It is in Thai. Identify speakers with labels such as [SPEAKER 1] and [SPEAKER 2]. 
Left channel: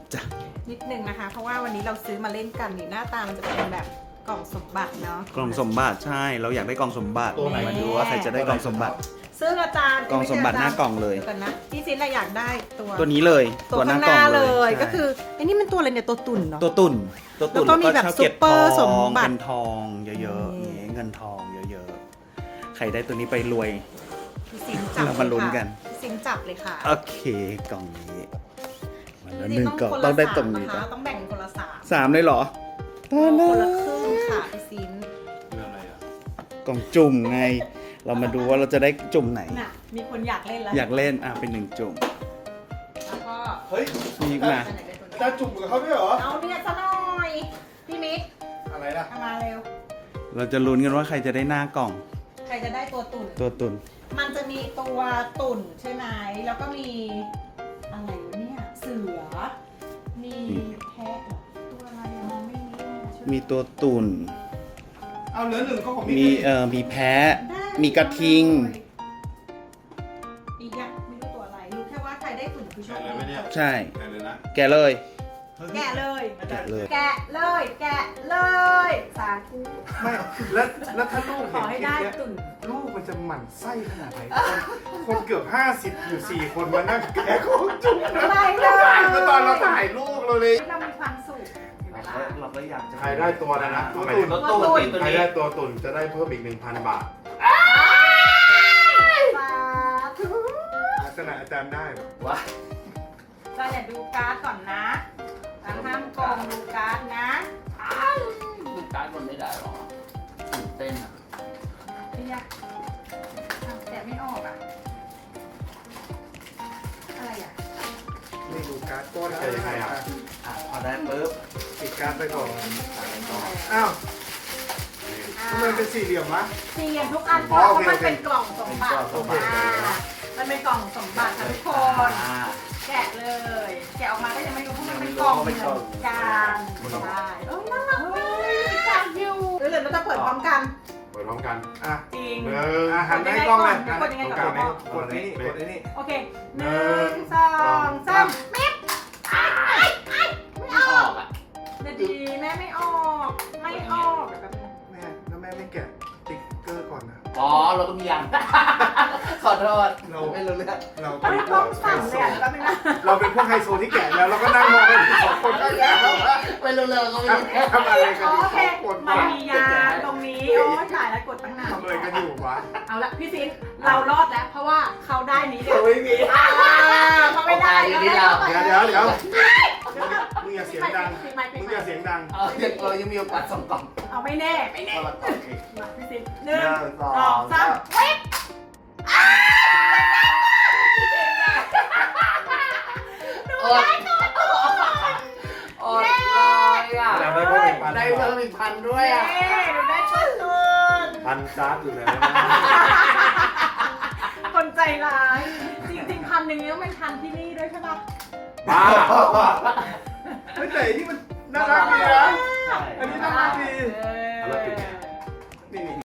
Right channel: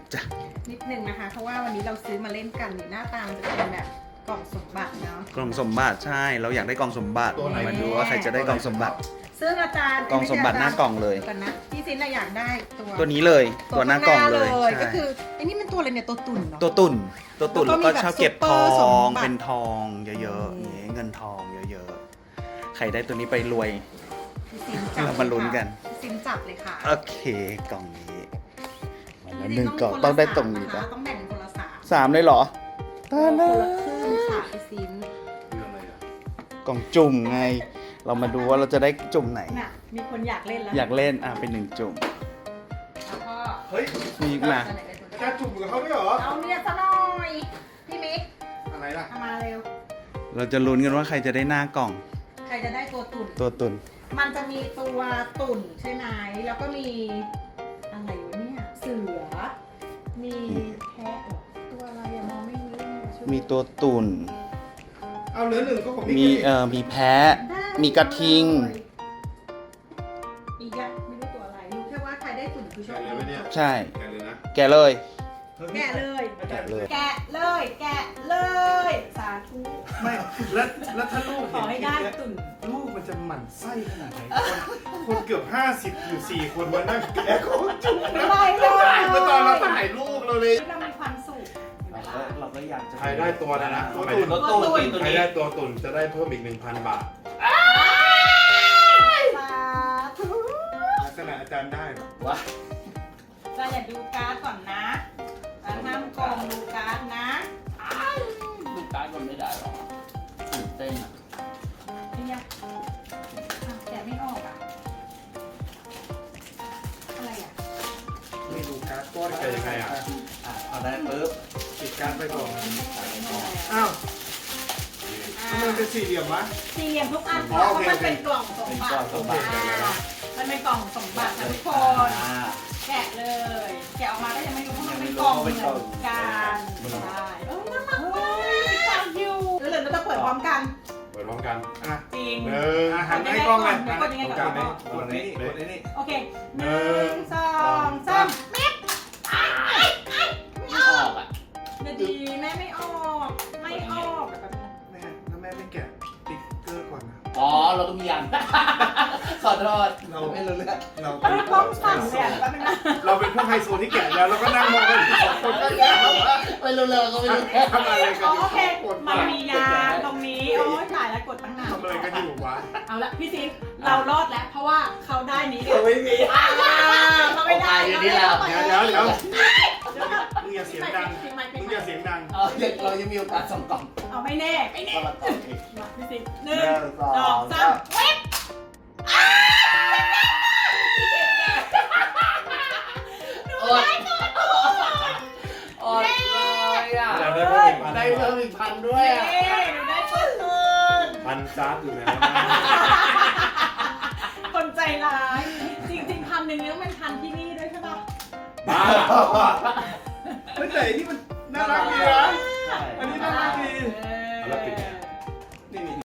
[SPEAKER 1] จ้ะ
[SPEAKER 2] นิดนึงนะคะ เพราะว่าวันนี้เราซื้อมาเล่นกันหน้าตามันจะเป็นแบบกล่องสมบัติเนาะ
[SPEAKER 1] กล่องสมบัติใช่เราอยากได้กล่องสมบัติมาดูว่าใครจะได้กล่องสมบัติ
[SPEAKER 2] ซึ่งอาจารย์
[SPEAKER 1] กล่องสมบัติหน้ากล่องเลย
[SPEAKER 2] กันนะพี่ซินอยากได้
[SPEAKER 1] ตัวนี้เลยตัวหน้ากล่องเลย
[SPEAKER 2] ก็คือไอ้นี่มันตัวอะไรเนี่ยตัวตุ่นเนาะ
[SPEAKER 1] ตัวตุ่นแล้วก็ชอบเก็บทอง
[SPEAKER 2] เป็น
[SPEAKER 1] ทองเยอะๆนี่เงินทองเยอะๆใครได้ตัวนี้ไปรวย
[SPEAKER 2] พี่ซินจับ
[SPEAKER 1] เรามาลุ้นกัน
[SPEAKER 2] พี่ซินจับเลยค่ะ
[SPEAKER 1] โอเคกล่องนี้มาหนึ่งกล่องต้องได้ตรงนี้ป่ะ
[SPEAKER 2] ต้องแบ่งคนละ
[SPEAKER 1] สามเลยเหรอ
[SPEAKER 2] คนละครึ่งค่ะพี่ซิน
[SPEAKER 1] กล่องจุ่มไงเรามาดูว่าเราจะได้จุ่มไหน
[SPEAKER 2] มีคนอยากเล่นแล้ว
[SPEAKER 1] อยากเล่นเป็น1จุ่ม
[SPEAKER 2] แล้วก็
[SPEAKER 3] เฮ้ย
[SPEAKER 1] มีมา
[SPEAKER 3] จะจุ่มกับเขาด้วยเหรอ
[SPEAKER 2] เอาเนี่ยซะหน่อยพี่มิก
[SPEAKER 3] อะไรล่ะ
[SPEAKER 2] มาเร็ว
[SPEAKER 1] เราจะลุ้นกันว่าใครจะได้หน้ากล่อง
[SPEAKER 2] ใครจะได้ตัวตุ่นมันจะมีตัวตุ่นใช่ไหมแล้วก็มีอะไรวะเนี่ยเสือมีแพะตัวอะไรมองไม่รู้
[SPEAKER 1] มีตัวตุ่น
[SPEAKER 3] เอาเหลือ1ก็ของ
[SPEAKER 1] มีมีแพะมีกระทิง
[SPEAKER 2] อีกอะไม่รู้ตัวอะไรรู้แค่ว่าใครได้ตุ่นคือโชคดี
[SPEAKER 1] ใช่แกะเลยสาธุ
[SPEAKER 3] ไม่แล้วถ้าลูก
[SPEAKER 2] ขอให้ได้ตุ่น
[SPEAKER 3] ลูกมันจะหมั่นไส้ขนาดไหนคนเกือบ50อยู่4คนมานั่งแกะของจุ่ม
[SPEAKER 2] ได้เลย
[SPEAKER 3] ตอนเราถ่ายรูปเราเลย
[SPEAKER 2] เรามีความสุข
[SPEAKER 1] เราก็อยากจะ
[SPEAKER 3] ใครได้ตัวนะตัวตุ่นใครได้ตัวตุ่นจะได้เพิ่มอีก 1,000 บาทลักษณะอาจารย์ได้
[SPEAKER 1] ว้า
[SPEAKER 2] เราอย่าดูการ์ดก่อนนะห้ามโกงดูการ์ดนะ
[SPEAKER 1] ดูการ์ดมันไม่ได้หรอตื่นเต้น
[SPEAKER 2] ไม่ยากแต่ไม่ออกอะไร
[SPEAKER 3] ไม่ดูการ์ดก้อนเป็นยังไง
[SPEAKER 1] เอาได้ปุ๊บ
[SPEAKER 3] ปิดการ์ดไปก่อนอ้าวมันเป็นสี่เหลี่ยมวะ
[SPEAKER 2] สี่เหลี่ยมทุกอันเพราะมันเป็นกล่องสมบัติมันเป็นกล่องสมบัติทุกคนแกะเลยแกะออกมาได้ยังไม่รู้เพราะมันเป็นกล่องเหมือนกันใช่น่ารักเลยจานยูหรือเราจะเปิดพร้อมกัน
[SPEAKER 3] จริงหันให้
[SPEAKER 2] ก
[SPEAKER 3] ล้องเลย
[SPEAKER 2] กดยังไงกับก
[SPEAKER 3] ดนี้
[SPEAKER 2] โอเค1 2 3มิดไม่ออกนาดีแม่ไม่ออกแม่
[SPEAKER 3] แล้วแม่ไม่แกะติ๊กเกอร์ก่อนนะ
[SPEAKER 1] อ๋อเราก็มีอย่างขอโทษ
[SPEAKER 3] เราไม่รู้เรื่องเรา
[SPEAKER 2] เป็นพวกสั่งเนี่ย
[SPEAKER 3] เราเป็นพวกไฮโซที่แกะแล้วเราก็นั่งมองกัน2 คนก็แล้ว
[SPEAKER 1] ไม่รู้เรื่องก็ไม่รู้
[SPEAKER 3] ทำอะไรกัน
[SPEAKER 2] โอเคมันมียาตรงนี้โอ้จ่ายแล้วกดตั้งนาน
[SPEAKER 3] ทำอะไรกันอยู่วะ
[SPEAKER 2] เอาละพี่ซินเรารอดแล้วเพราะว่าเขาได้นี้เลย
[SPEAKER 3] ไม่มี
[SPEAKER 2] เขาไม่ได้
[SPEAKER 3] เดี๋ยวมึงอย่าเสียงดัง
[SPEAKER 1] เรายังมีโอกาส2 กล่อง
[SPEAKER 2] เอาไม่แน่มาพี่ซิน1 2 3วิบ
[SPEAKER 1] ได้เพิ่มอีก1,000ด้วย
[SPEAKER 2] ได้ต้นทุน
[SPEAKER 3] 1,000 การ์ดอยู่แล้ว
[SPEAKER 2] คนใจร้ายจริงๆ1,000นี้ต้องเป็น1,000ที่นี่ด้วยใช่ปะ
[SPEAKER 3] บ้าไม่ใช่นี่มันน่ารักดีนะอันนี้น่ารักดี